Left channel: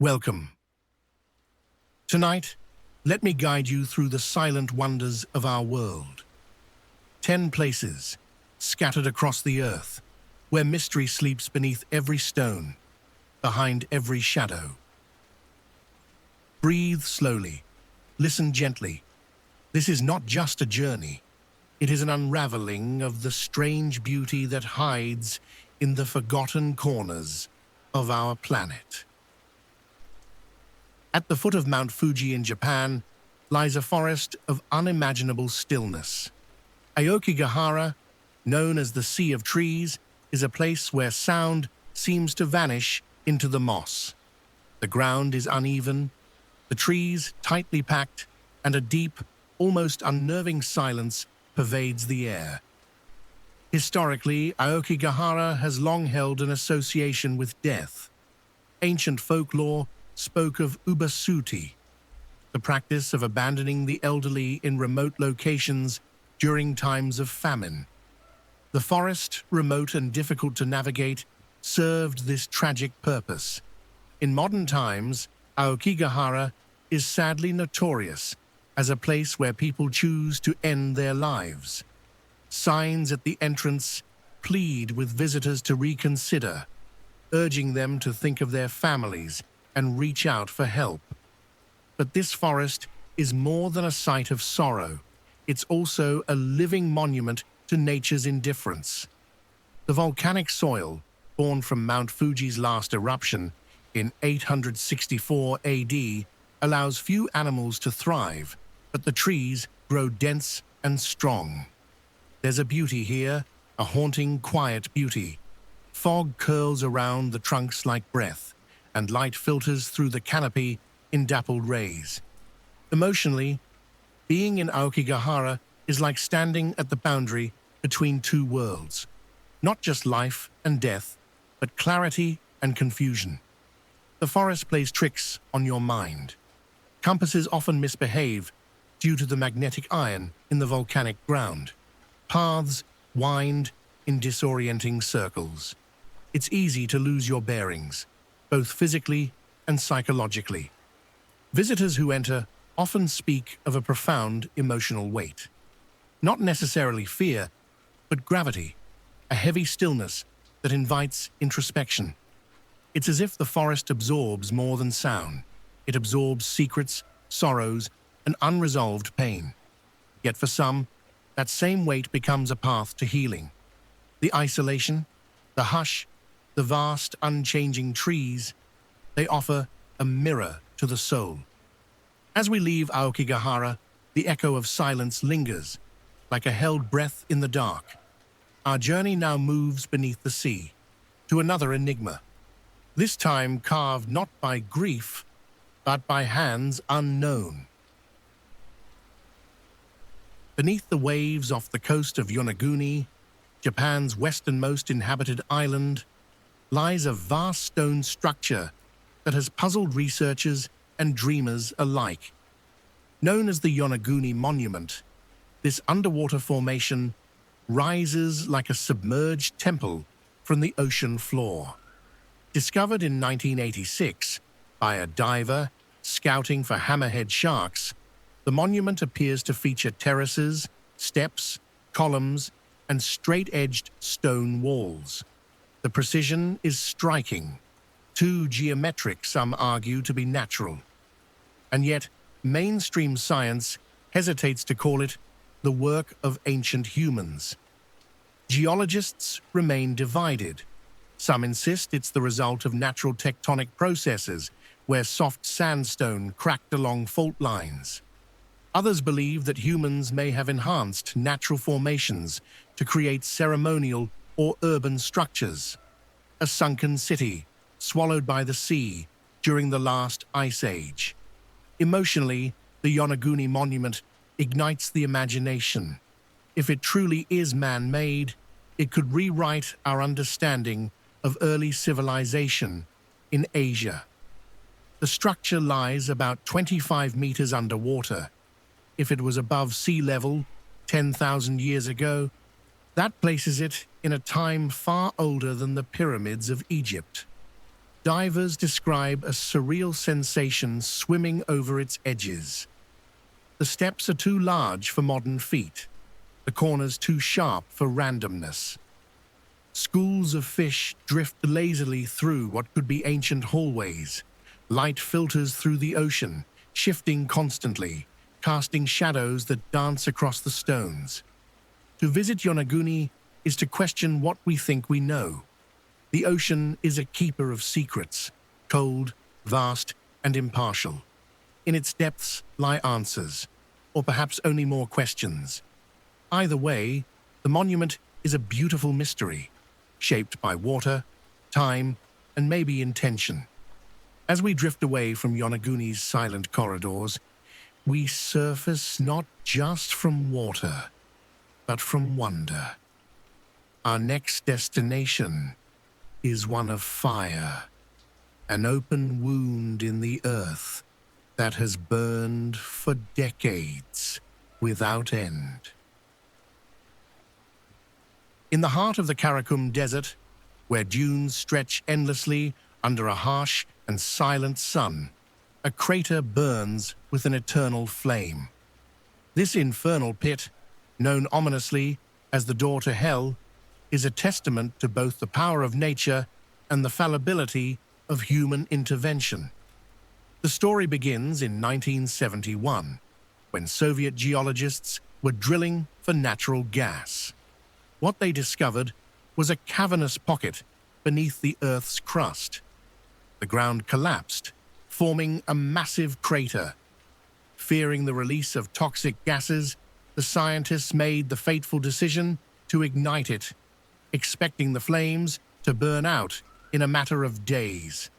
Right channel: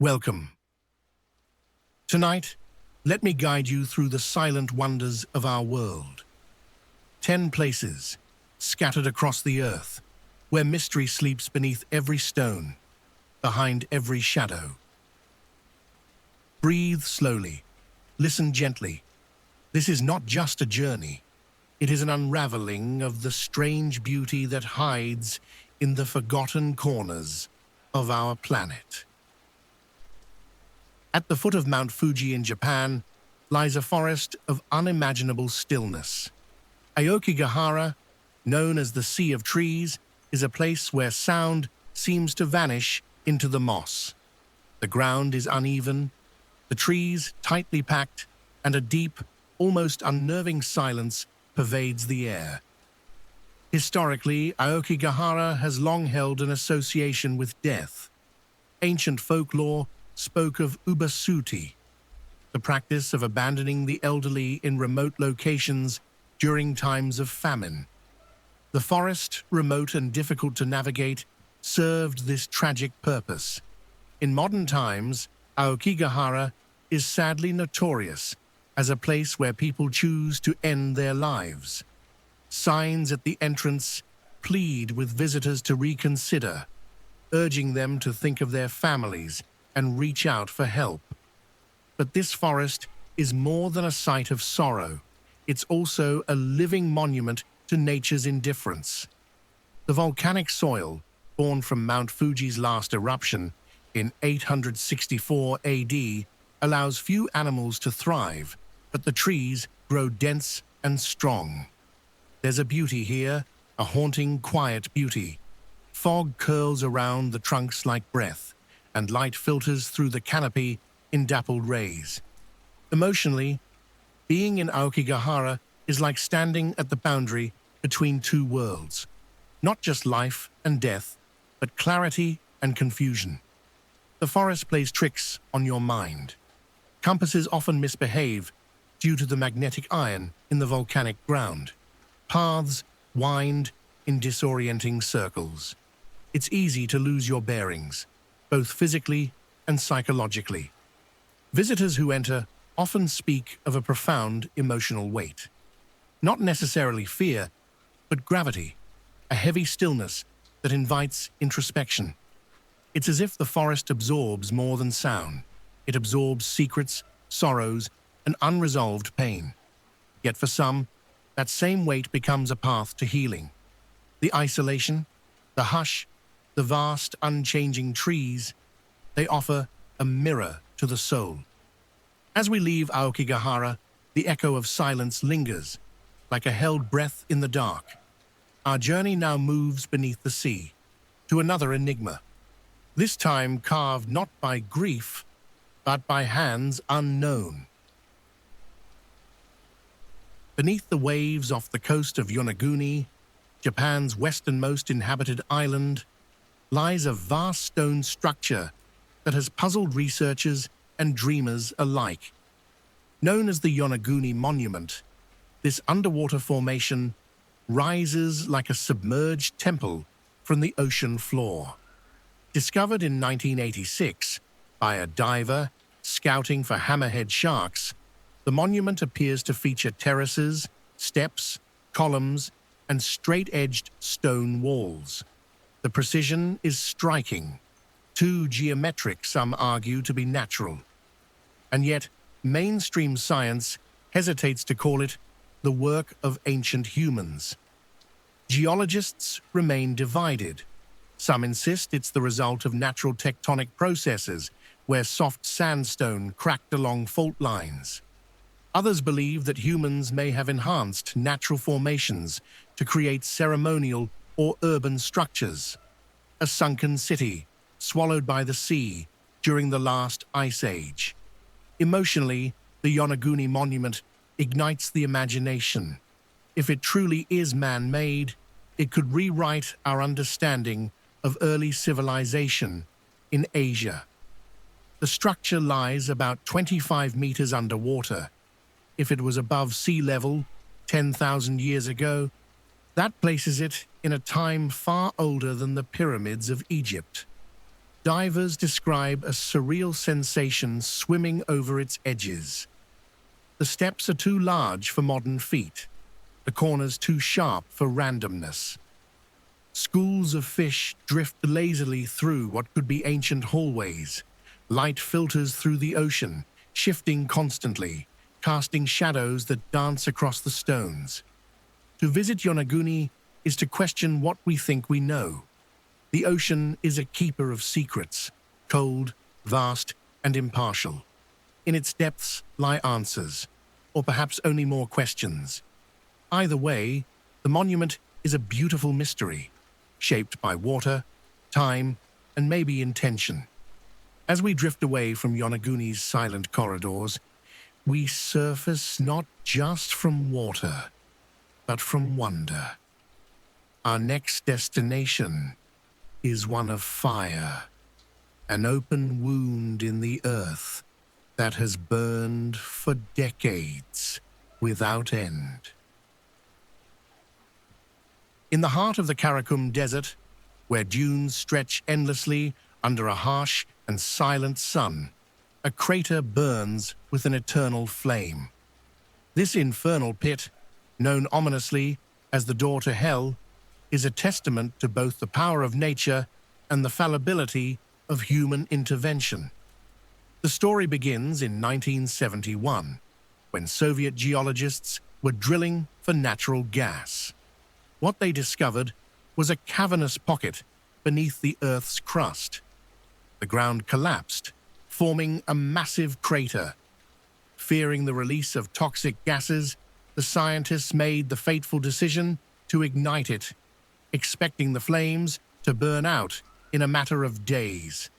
Welcome. Tonight, let me guide you through the silent wonders of our world. 10 places, scattered across the earth, where mystery sleeps beneath every stone, behind every shadow. Breathe slowly. Listen gently. This is not just a journey. It is an unraveling of the strange beauty that hides in the forgotten corners of our planet. At the foot of Mount Fuji in Japan lies a forest of unimaginable stillness. Aokigahara, known as the Sea of Trees, is a place where sound seems to vanish into the moss. The ground is uneven, the trees tightly packed, and a deep, almost unnerving silence pervades the air. Historically, Aokigahara has long held an association with death. Ancient folklore spoke of ubasuti, the practice of abandoning the elderly in remote locations during times of famine. The forest, remote and difficult to navigate, served this tragic purpose. In modern times, Aokigahara is sadly notorious as a place where people choose to end their lives. Signs at the entrance plead with visitors to reconsider, urging them to think of their families and reach out for help. But this forest is more than a site of sorrow. It's also a living monument to nature's indifference. The volcanic soil, born from Mount Fuji's last eruption in 864 AD, allows few animals to thrive, but the trees grow dense and strong. There's a beauty here, a haunting, quiet beauty. Fog curls around the trunks like breath, and light filters through the canopy in dappled rays. Emotionally, being in Aokigahara is like standing at the boundary between two worlds. Not just life and death, but clarity and confusion. The forest plays tricks on your mind. Compasses often misbehave due to the magnetic iron in the volcanic ground. Paths wind in disorienting circles. It's easy to lose your bearings, both physically and psychologically. Visitors who enter often speak of a profound emotional weight. Not necessarily fear, but gravity, a heavy stillness that invites introspection. It's as if the forest absorbs more than sound. It absorbs secrets, sorrows, and unresolved pain. Yet for some, that same weight becomes a path to healing. The isolation, the hush, the vast, unchanging trees, they offer a mirror to the soul. As we leave Aokigahara, the echo of silence lingers, like a held breath in the dark. Our journey now moves beneath the sea, to another enigma, this time carved not by grief, but by hands unknown. Beneath the waves off the coast of Yonaguni, Japan's westernmost inhabited island, lies a vast stone structure that has puzzled researchers and dreamers alike. Known as the Yonaguni Monument, this underwater formation rises like a submerged temple from the ocean floor. Discovered in 1986 by a diver scouting for hammerhead sharks, the monument appears to feature terraces, steps, columns, and straight-edged stone walls. The precision is striking, too geometric, some argue, to be natural. And yet, mainstream science hesitates to call it the work of ancient humans. Geologists remain divided. Some insist it's the result of natural tectonic processes, where soft sandstone cracked along fault lines. Others believe that humans may have enhanced natural formations to create ceremonial or urban structures. A sunken city, swallowed by the sea during the last ice age. Emotionally, the Yonaguni Monument ignites the imagination. If it truly is man-made, it could rewrite our understanding of early civilization in Asia. The structure lies about 25 meters underwater. If it was above sea level 10,000 years ago, that places it in a time far older than the pyramids of Egypt. Divers describe a surreal sensation swimming over its edges. The steps are too large for modern feet, the corners too sharp for randomness. Schools of fish drift lazily through what could be ancient hallways. Light filters through the ocean, shifting constantly, casting shadows that dance across the stones. To visit Yonaguni is to question what we think we know. The ocean is a keeper of secrets, cold, vast, and impartial. In its depths lie answers, or perhaps only more questions. Either way, the monument is a beautiful mystery, shaped by water, time, and maybe intention. As we drift away from Yonaguni's silent corridors, we surface not just from water, but from wonder. Our next destination is one of fire, an open wound in the earth that has burned for decades without end. In the heart of the Karakum Desert, where dunes stretch endlessly under a harsh and silent sun, a crater burns with an eternal flame. This infernal pit, known ominously as the door to hell, is a testament to both the power of nature and the fallibility of human intervention. The story begins in 1971, when Soviet geologists were drilling for natural gas. What they discovered was a cavernous pocket beneath the Earth's crust. The ground collapsed, forming a massive crater. Fearing the release of toxic gases, the scientists made the fateful decision to ignite it, expecting the flames to burn out in a matter of days.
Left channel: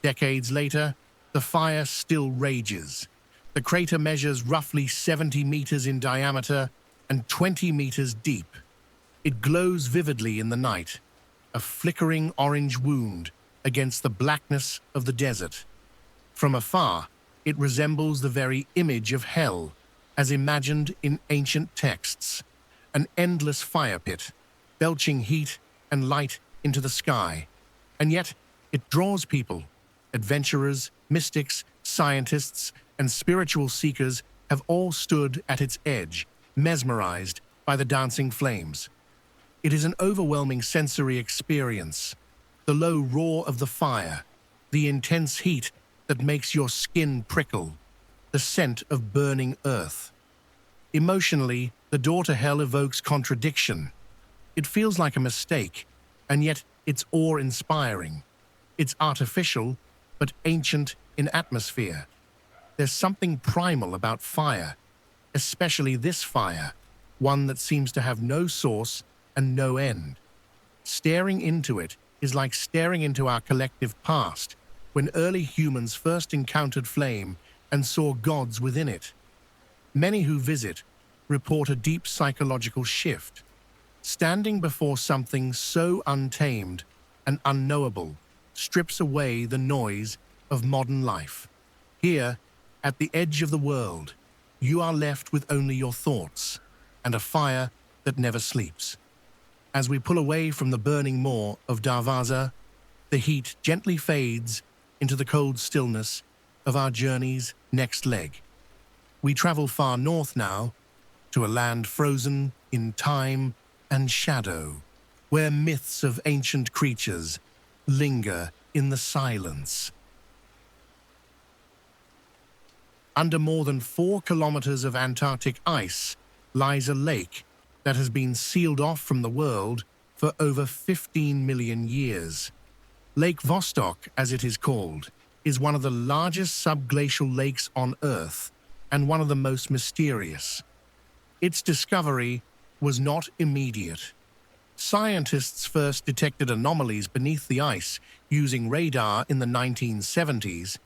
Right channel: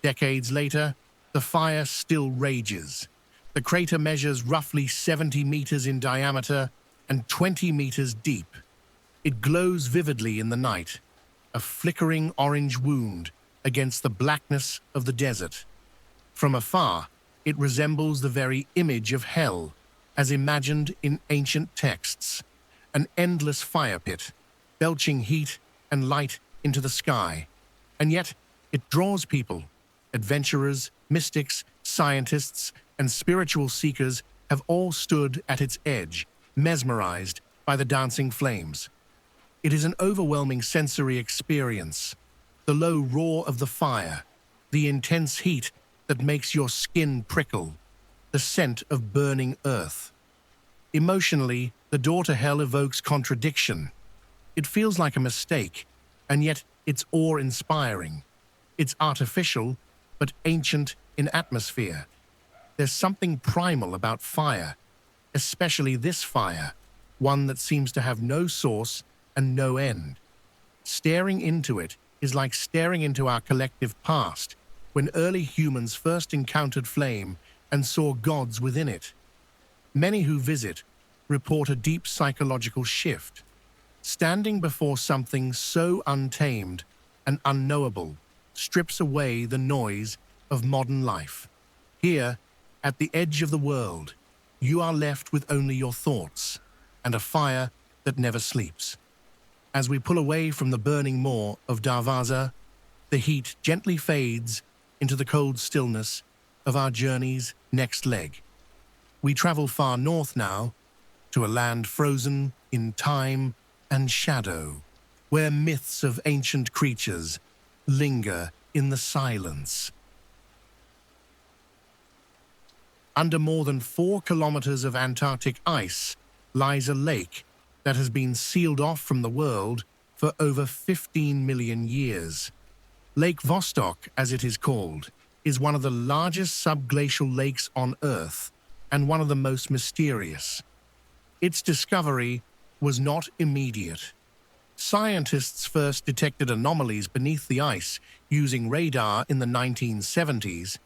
Decades later, the fire still rages. The crater measures roughly 70 meters in diameter and 20 meters deep. It glows vividly in the night, a flickering orange wound against the blackness of the desert. From afar, it resembles the very image of hell, as imagined in ancient texts, an endless fire pit, belching heat and light into the sky. And yet, it draws people. Adventurers, mystics, scientists, and spiritual seekers have all stood at its edge, mesmerized by the dancing flames. It is an overwhelming sensory experience. The low roar of the fire, the intense heat that makes your skin prickle, the scent of burning earth. Emotionally, the door to hell evokes contradiction. It feels like a mistake, and yet it's awe-inspiring. It's artificial, but ancient in atmosphere. There's something primal about fire, especially this fire, one that seems to have no source and no end. Staring into it is like staring into our collective past, when early humans first encountered flame and saw gods within it. Many who visit report a deep psychological shift. Standing before something so untamed and unknowable strips away the noise of modern life. Here, at the edge of the world, you are left with only your thoughts and a fire that never sleeps. As we pull away from the burning maw of Darvaza, the heat gently fades into the cold stillness of our journey's next leg. We travel far north now, to a land frozen in time and shadow, where myths of ancient creatures linger in the silence. Under more than 4 kilometers of Antarctic ice lies a lake that has been sealed off from the world for over 15 million years. Lake Vostok, as it is called, is one of the largest subglacial lakes on Earth and one of the most mysterious. Its discovery was not immediate. Scientists first detected anomalies beneath the ice using radar in the 1970s,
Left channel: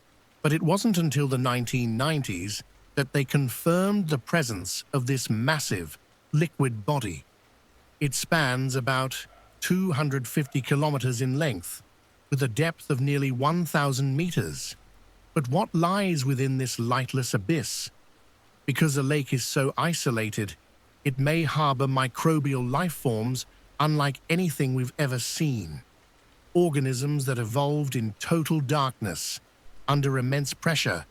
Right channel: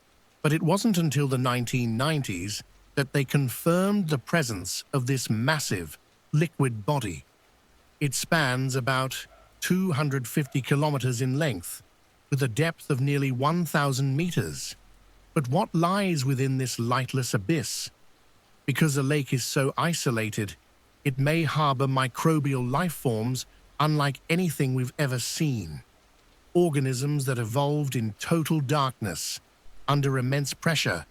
but it wasn't until the 1990s that they confirmed the presence of this massive, liquid body. It spans about 250 kilometers in length, with a depth of nearly 1,000 meters. But what lies within this lightless abyss? Because the lake is so isolated, it may harbor microbial life forms unlike anything we've ever seen. organisms that evolved in total darkness, under immense pressure,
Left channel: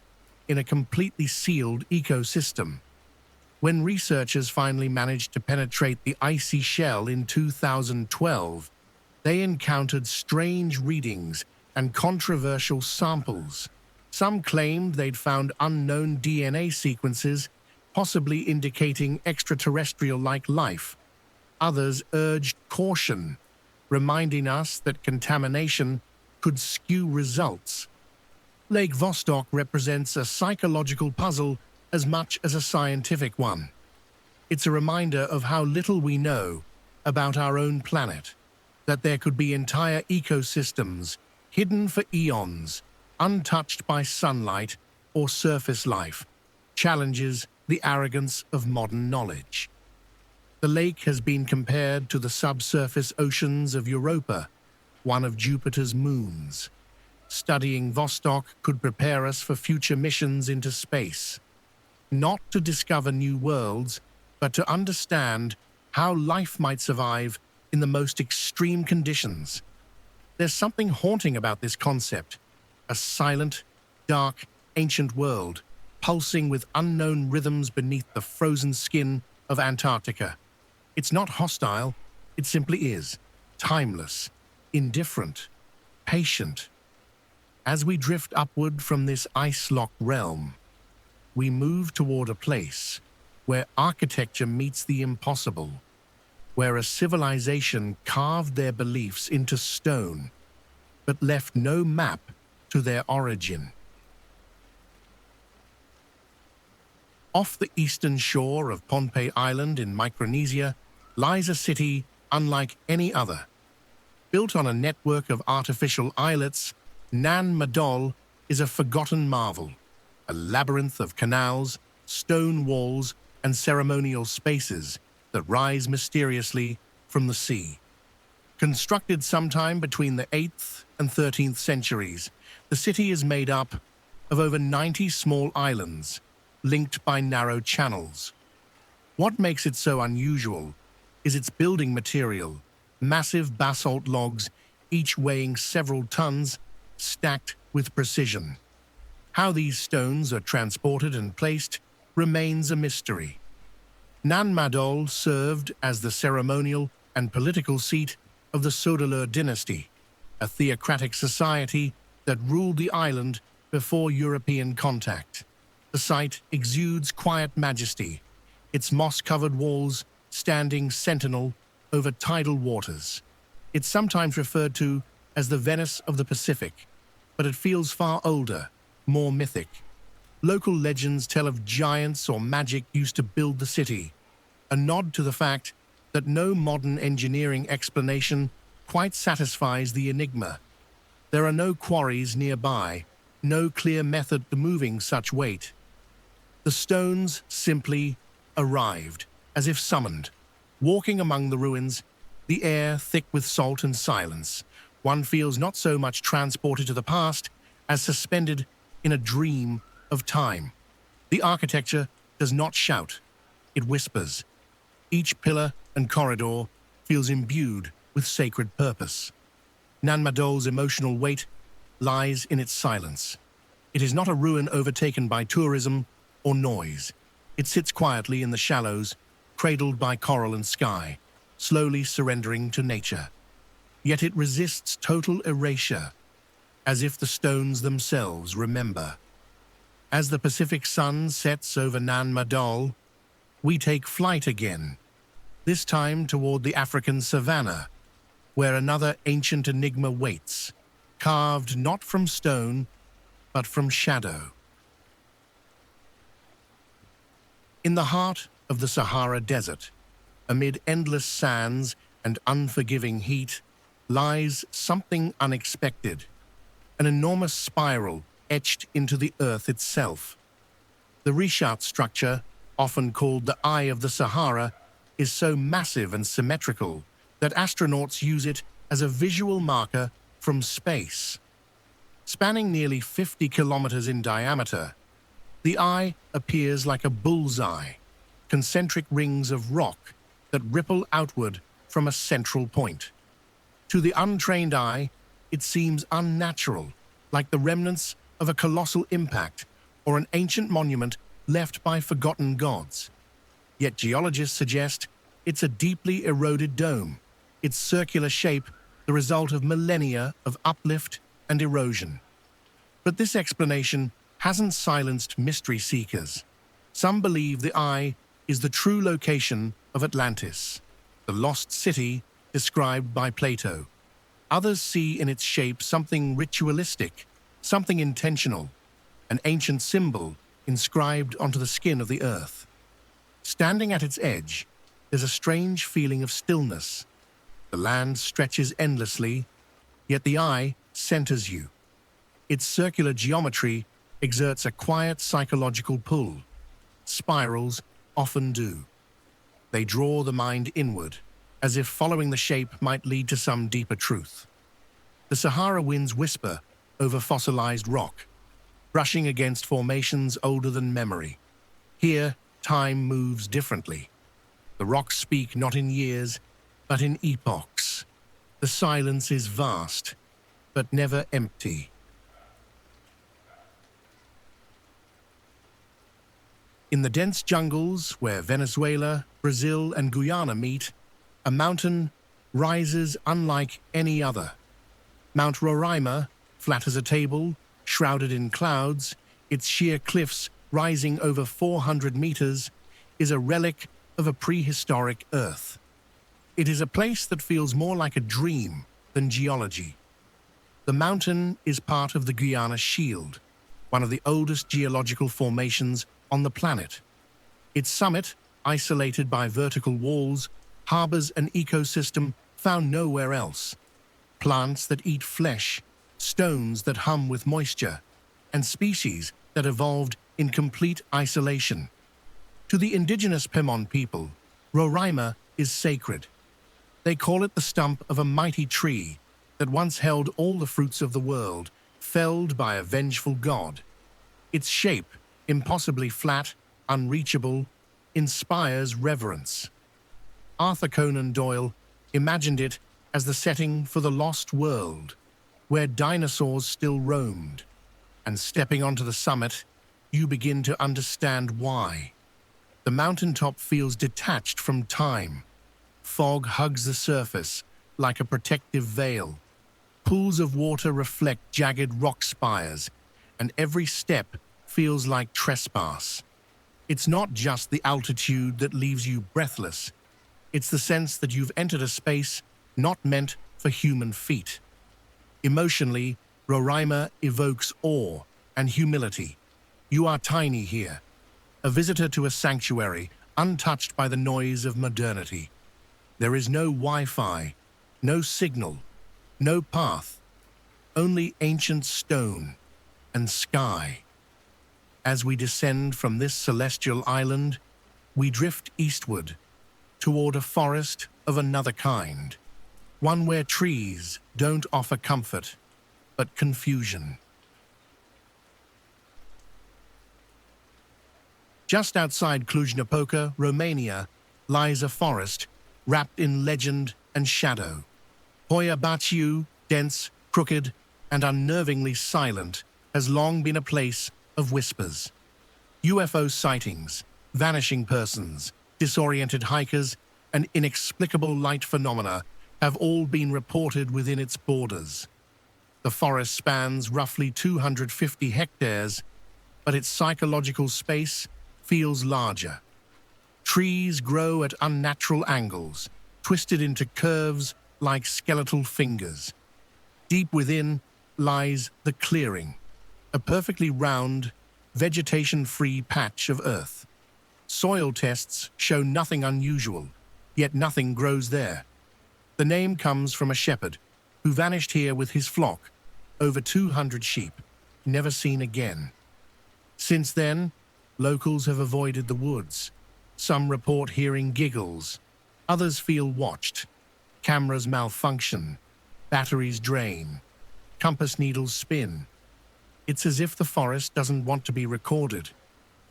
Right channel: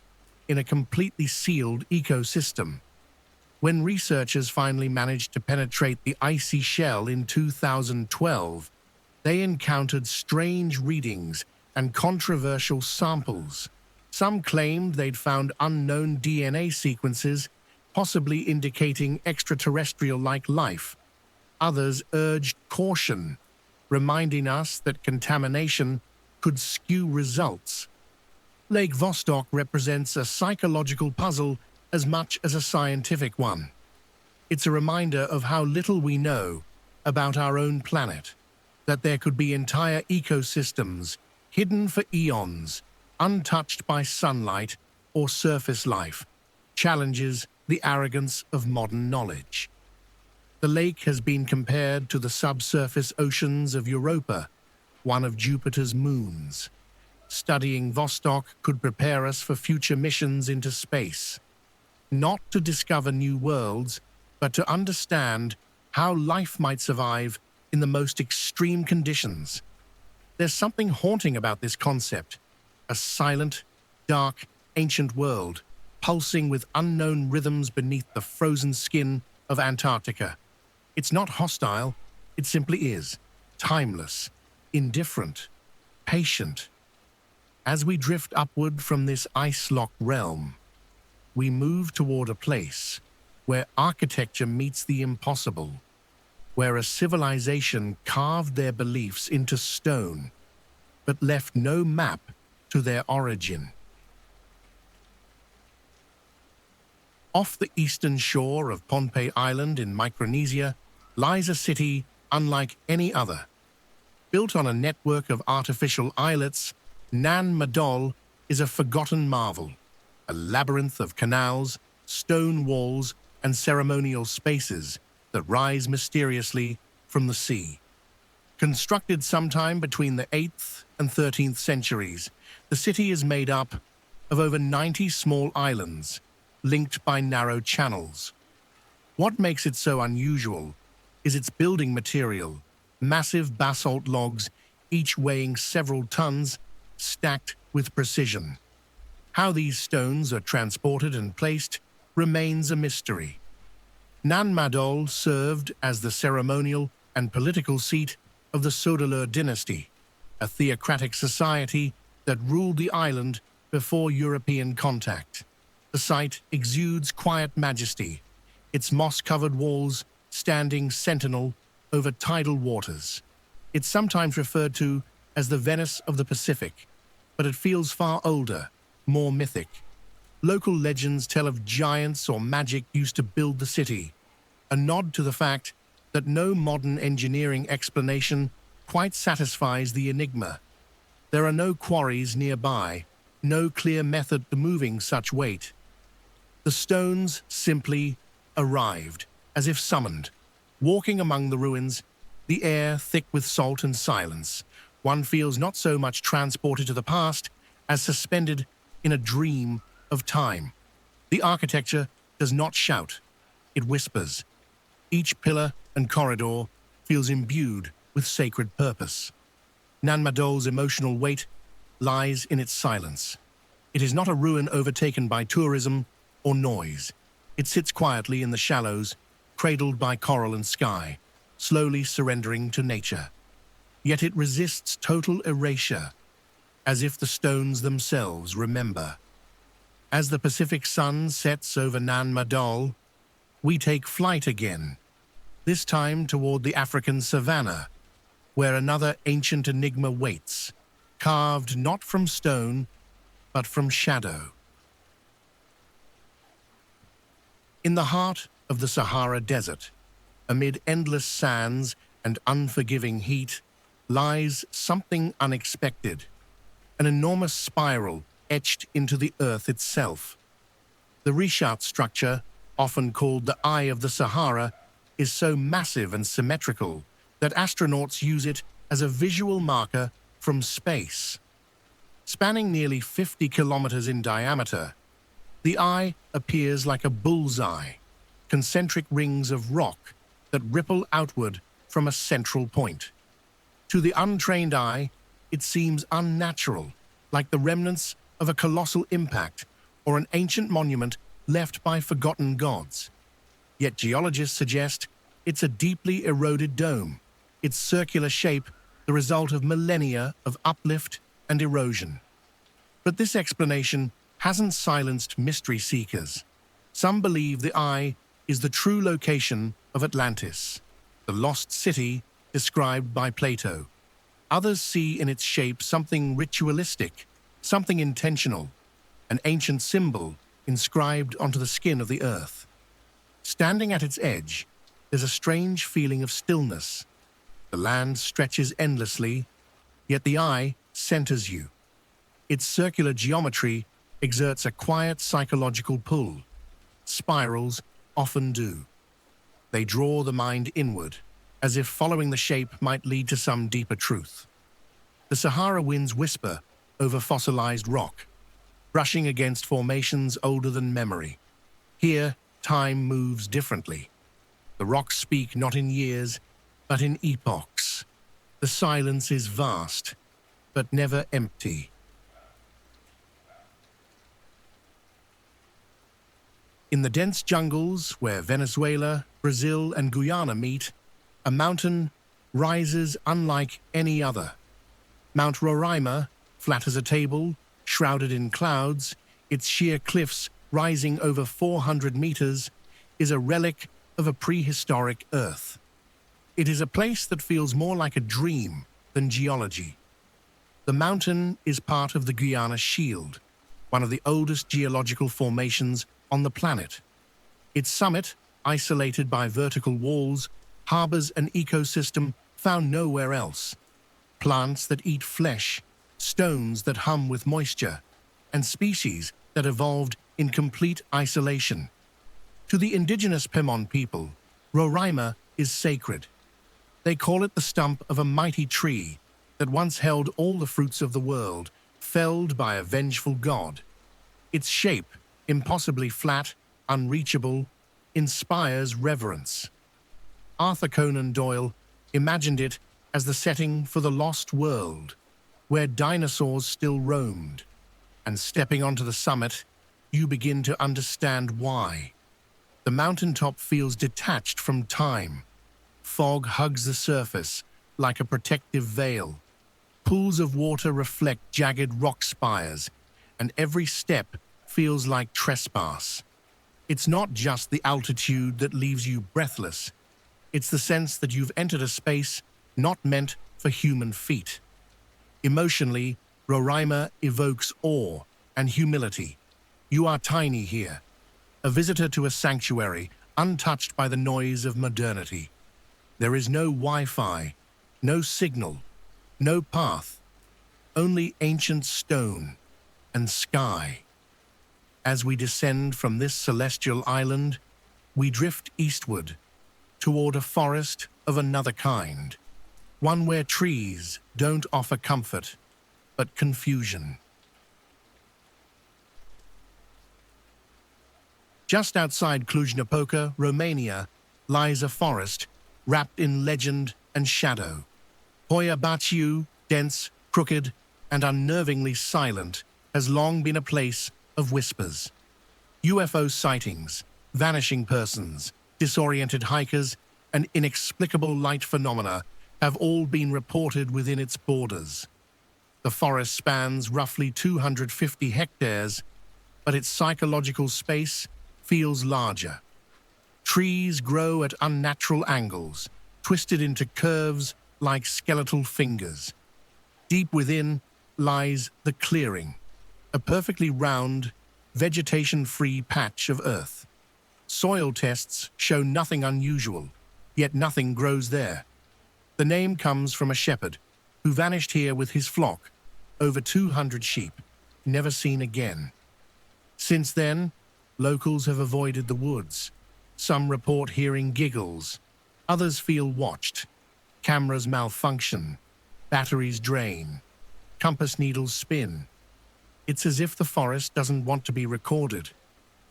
in a completely sealed ecosystem. When researchers finally managed to penetrate the icy shell in 2012, they encountered strange readings and controversial samples. Some claimed they'd found unknown DNA sequences, possibly indicating extraterrestrial-like life. Others urged caution, reminding us that contamination could skew results. Lake Vostok represents a psychological puzzle as much as a scientific one. It's a reminder of how little we know about our own planet, that there could be entire ecosystems hidden for eons, untouched by sunlight or surface life, challenges the arrogance of modern knowledge. The lake has been compared to the subsurface oceans of Europa, one of Jupiter's moons. Studying Vostok could prepare us for future missions into space, not to discover new worlds, but to understand how life might survive in the most extreme conditions. There's something haunting about this concept, a silent, dark, ancient world, pulsing with unknown rhythms beneath the frozen skin of Antarctica. It's not hostile, it simply is, timeless, indifferent, patient. As we drift upward from this ice-locked realm, we move toward a place where architecture meets the impossible, where a civilization carved their beliefs into stone, but left no map to their origin. Off the eastern shore of Pohnpei Island in Micronesia lies a city unlike any other. Built on a network of artificial islets, Nan Madol is a forgotten marvel, a labyrinth of canals, stone walls, and ceremonial spaces that rise mysteriously from the sea. Constructed sometime between the 8th and 13th centuries, the city is made up of over 90 small islands, linked by narrow channels. What makes it so unusual is its building material, massive basalt logs, each weighing several tons, stacked with precision. How these stones are transported and placed remains a mystery. Nan Madol served as the ceremonial and political seat of the Sodelur dynasty, a theocratic society that ruled the island before European contact. The site exudes quiet majesty, its moss-covered walls standing sentinel over tidal waters. It's sometimes referred to as the Venice of the Pacific, but it feels far older, more mythic. Local legends tell of giants or magic used to build the city, a nod to the fact that no modern engineering explanation quite satisfies the enigma. There are no quarries nearby, no clear method to moving such weight. The stones simply arrived, as if summoned. Walking among the ruins, the air thick with salt and silence, one feels not so much transported to the past as suspended in a dream of time. The architecture does not shout, it whispers. Each pillar and corridor feels imbued with sacred purpose. Nan Madol's emotional weight lies in its silence. It is not a ruin overtaken by tourism or noise. It sits quietly in the shallows, cradled by coral and sky, slowly surrendering to nature. Yet it resists total erasure, as if the stones themselves remember. As the Pacific sun sets over Nan Madol, we take flight again, this time toward the African savanna, where another ancient enigma waits, carved not from stone, but from shadow. In the heart of the Sahara Desert, amid endless sands and unforgiving heat, lies something unexpected, an enormous spiral etched into the earth itself. The Richat structure, often called the Eye of the Sahara, is so massive and symmetrical that astronauts use it as a visual marker from space. Spanning nearly 50 kilometers in diameter, the eye appears like a bullseye, concentric rings of rock that ripple outward from a central point. To the untrained eye, it seems unnatural, like the remnants of a colossal impact or an ancient monument left by forgotten gods. Yet geologists suggest it's a deeply eroded dome, its circular shape the result of millennia of uplift and erosion. But this explanation hasn't silenced mystery seekers. Some believe the eye is the true location of Atlantis, the lost city described by Plato. Others see in its shape something ritualistic, something intentional, an ancient symbol inscribed onto the skin of the earth. Standing at its edge, there's a strange feeling of stillness. The land stretches endlessly, yet the eye centers you. Its circular geometry exerts a quiet psychological pull. Spirals often do. They draw the mind inward, as if following the shape might lead to some deeper truth. The Sahara winds whisper over fossilized rock, brushing against formations older than memory. Here, time moves differently. The rocks speak not in years, but in epochs. The silence is vast, but never empty. In the dense jungles where Venezuela, Brazil, and Guyana meet, a mountain rises unlike any other. Mount Roraima, flat as a table, shrouded in clouds, its sheer cliffs rising over 400 meters, is a relic of a prehistoric Earth. It is a place that feels more like a dream than geology. The mountain is part of the Guyana Shield, one of the oldest geological formations on the planet. Its summit, isolated by vertical walls, harbors an ecosystem found nowhere else. Plants that eat flesh, stones that hum with moisture, and species that evolved in complete isolation. To the indigenous Pemon people, Roraima is sacred. They call it the stump of a mighty tree that once held all the fruits of the world, felled by a vengeful god. Its shape, impossibly flat, unreachable, inspires reverence. Arthur Conan Doyle imagined it as the setting for the lost world, where dinosaurs still roamed. And stepping onto the summit, you begin to understand why. The mountaintop feels detached from time. Fog hugs the surface like a protective veil. Pools of water reflect jagged rock spires, and every step feels like trespass. It's not just the altitude that leaves you breathless. It's the sense that you've entered a space not meant for human feet. Emotionally, Roraima evokes awe and humility. You are tiny here, a visitor to a sanctuary untouched by the noise of modernity. There is no Wi-Fi, no signal, no path, only ancient stone and sky. As we descend from this celestial island, we drift eastward toward a forest of another kind, one where trees don't offer comfort, but confusion. Just outside Cluj-Napoca, Romania, lies a forest wrapped in legend and shadow. Hoia Baciu, dense, crooked, and unnervingly silent, has long been a place of whispers. UFO sightings, vanishing persons, disoriented hikers, and inexplicable light phenomena have all been reported within its borders. The forest spans roughly 250 hectares, but its psychological space feels larger. Trees grow at unnatural angles, twisted into curves like skeletal fingers. Deep within lies the clearing, a perfectly round, vegetation-free patch of earth. Soil tests show nothing unusual, yet nothing grows there. The name comes from a shepherd who vanished here with his flock, over 200 sheep, never seen again. Since then, locals have avoided the woods. Some report hearing giggles. Others feel watched. Cameras malfunction. Batteries drain. Compass needles spin. It's as if the forest doesn't want to be recorded,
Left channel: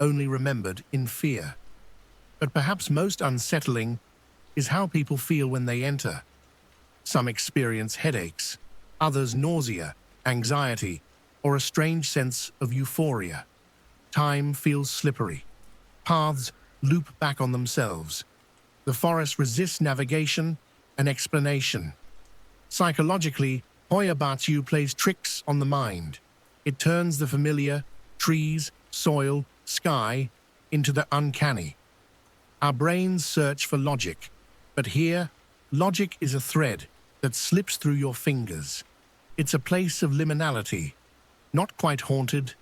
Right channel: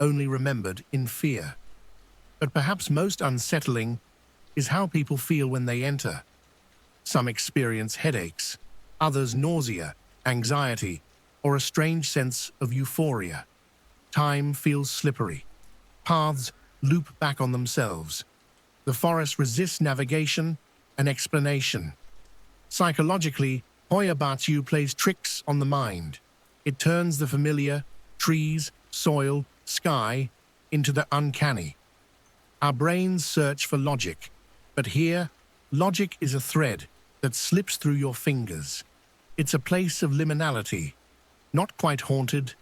only remembered in fear. But perhaps most unsettling is how people feel when they enter. Some experience headaches, others nausea, anxiety, or a strange sense of euphoria. Time feels slippery. Paths loop back on themselves. The forest resists navigation and explanation. Psychologically, Hoya Baciu plays tricks on the mind. It turns the familiar, trees, soil, sky, into the uncanny. Our brains search for logic, but here, logic is a thread that slips through your fingers. It's a place of liminality, not quite haunted,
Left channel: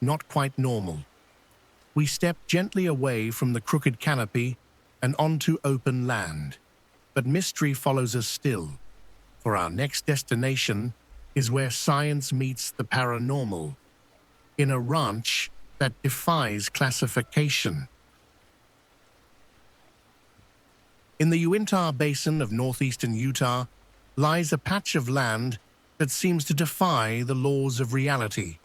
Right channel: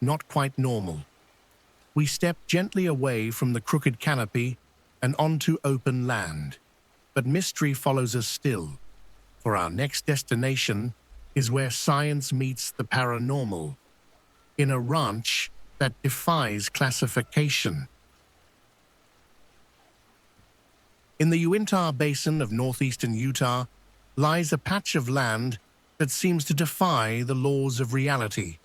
not quite normal. We step gently away from the crooked canopy and onto open land. But mystery follows us still, for our next destination is where science meets the paranormal, in a ranch that defies classification. In the Uinta Basin of northeastern Utah lies a patch of land that seems to defy the laws of reality.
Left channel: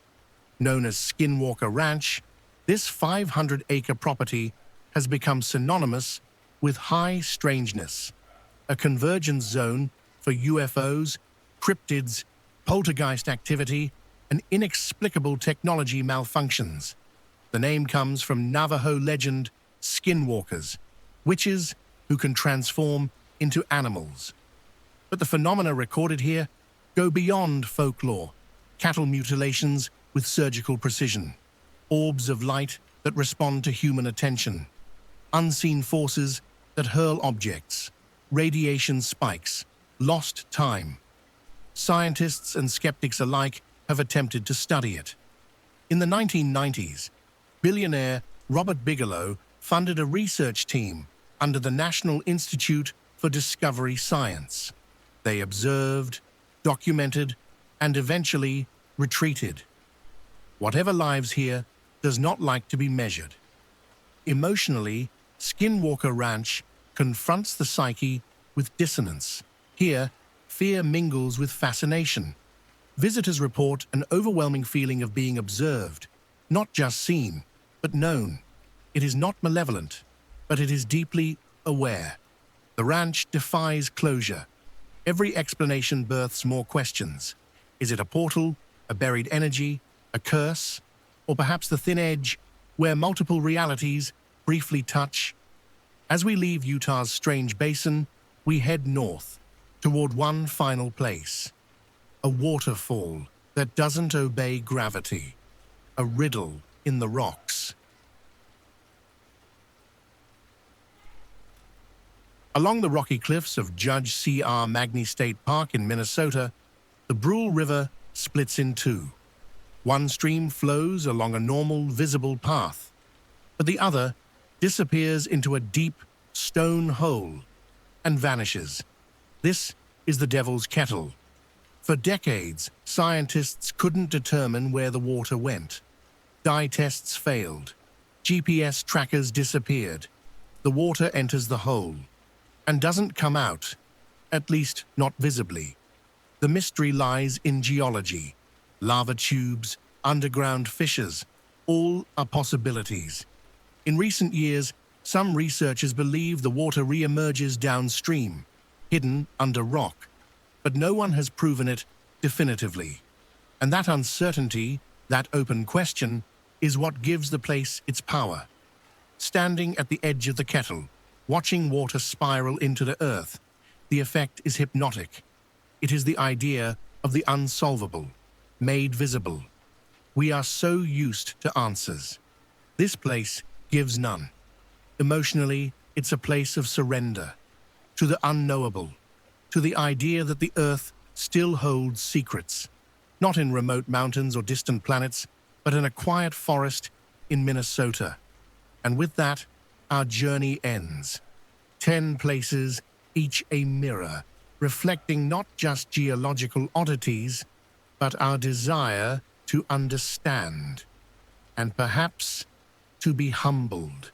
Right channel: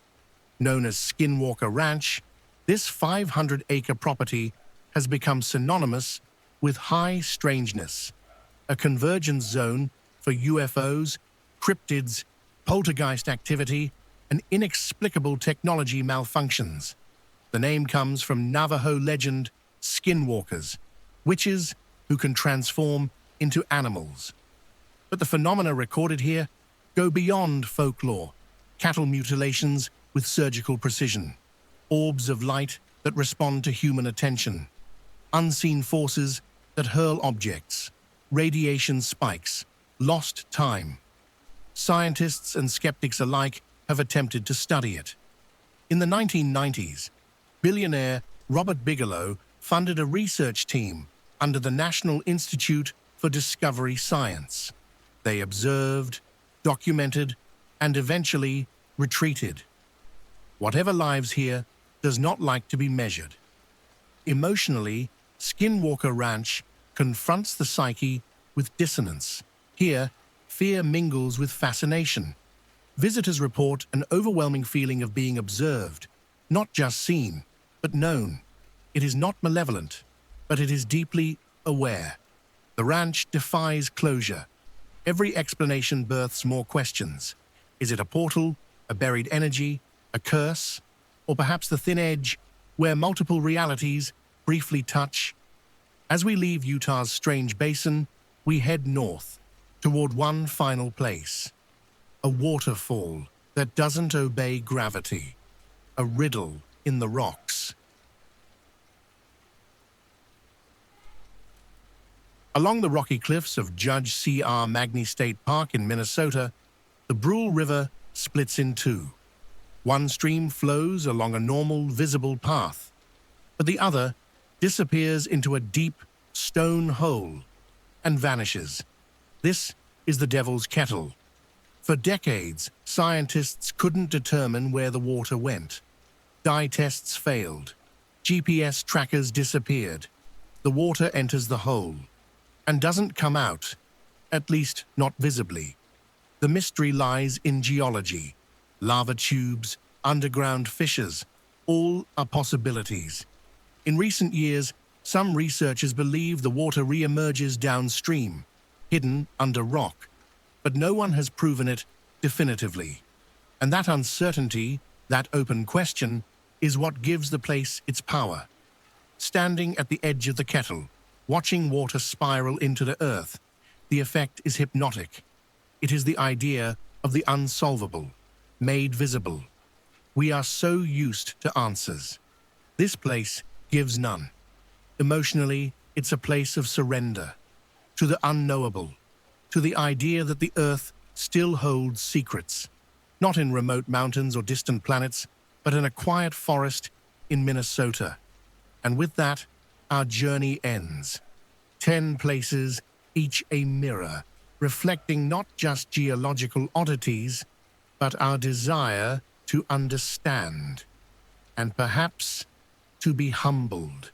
Known as Skinwalker Ranch, this 500-acre property has become synonymous with high strangeness, a convergence zone for UFOs, cryptids, poltergeist activity, and inexplicable technology malfunctions. The name comes from Navajo legend skinwalkers, witches who can transform into animals. But the phenomena recorded here go beyond folklore, cattle mutilations with surgical precision, orbs of light that respond to human attention, unseen forces that hurl objects, radiation spikes, lost time. Scientists and skeptics alike have attempted to study it. In the 1990s, billionaire Robert Bigelow funded a research team under the National Institute for Discovery Science. They observed, documented, and eventually retreated. Whatever lives here does not like to be measured. Emotionally, Skinwalker Ranch confronts the psyche with dissonance. Here, fear mingles with fascination. Visitors report an overwhelming feeling of being observed, not just seen, but known. It is not malevolent, but it is deeply aware. The ranch defies closure. Every explanation births more questions. Is it a portal, a buried energy, a curse, or perhaps the thin edge where multiple realities briefly touch? As we leave Utah's strange basin, we head north, toward one final place. A waterfall that doesn't obey gravity. A riddle in the rocks. Along the rocky cliffs of Judge C.R. Magny State Park in Minnesota, the Brule River splits in two. One stream flows along a normal, visible path, but the other disappears into a deep stone hole and vanishes. This is the Devil's Kettle. For decades, scientists couldn't determine where the water went. Dye tests failed. GPS trackers disappeared. The water enters the hole and doesn't come out, at least not visibly. The mystery lies in geology. Lava tubes, underground fissures, all are possibilities. In recent years, some researchers believe the water re-emerges downstream, hidden under rock, but no one has proven it definitively. And that uncertainty, that open question, is what gives the place its power. Standing at the edge of the kettle, watching water spiral into the earth, the effect is hypnotic. It is the idea of the unsolvable, made visible. We are so used to answers. This place gives none. Emotionally, it's a place of surrender to the unknowable, to the idea that the earth still holds secrets, not in remote mountains or distant planets, but in a quiet forest in Minnesota. And with that, our journey ends. 10 places, each a mirror, reflecting not just geological oddities, but our desire to understand, and perhaps to be humbled.